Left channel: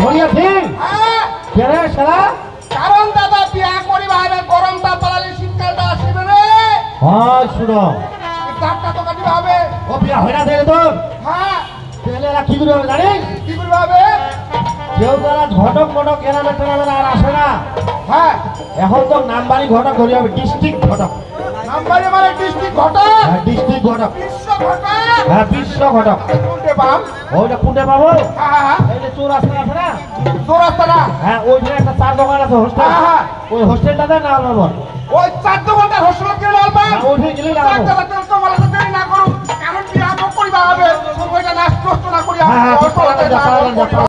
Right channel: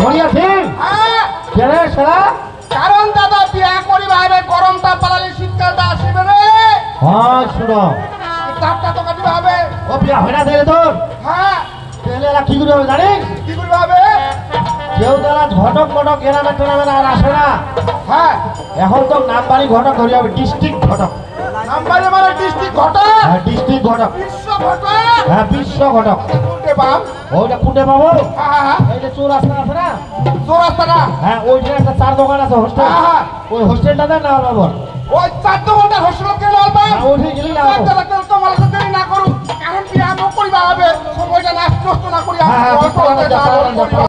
ধরিয়া সিং কেরে সারা কারণ দাদা বিয়া করিবা হবে গরমটা পালালে শীতকালটা আসবে রে হ্যাঁ শুনো শীতকালটা তো কাটিবা হবে ও বিয়া হইনা দেলে তোর হ্যাঁ দেলে কি করে হবে জানিস কি করবা হবে কেউ তোরা ঘটক ঘটক এরামে টোরামে আর আসে না হ্যাঁ এখন তো নামবাড়ি ঘটক ধরে হবে ডিস্ট্রিক্ট ঘটক নাম্বারে মানে ডিস্ট্রিক্ট ঘটক হ্যাঁ ডিস্ট্রিক্ট ঘটক বিশ্ব ঘটক হ্যাঁ বিশ্ব ঘটক কোনটে পাও ওইটা কোনটা পাবো হ্যাঁ এই যে চৌরাস্তা আছে না চৌরাস্তাটা হ্যাঁ ওই যে একটা চার দোকান আছে হোস্টেল ওই হোস্টেলটাতে না পাবো ওই 4 ঘন্টা হোস্টেল কে লাল পাও ওইখানে গেলে না চার দোকান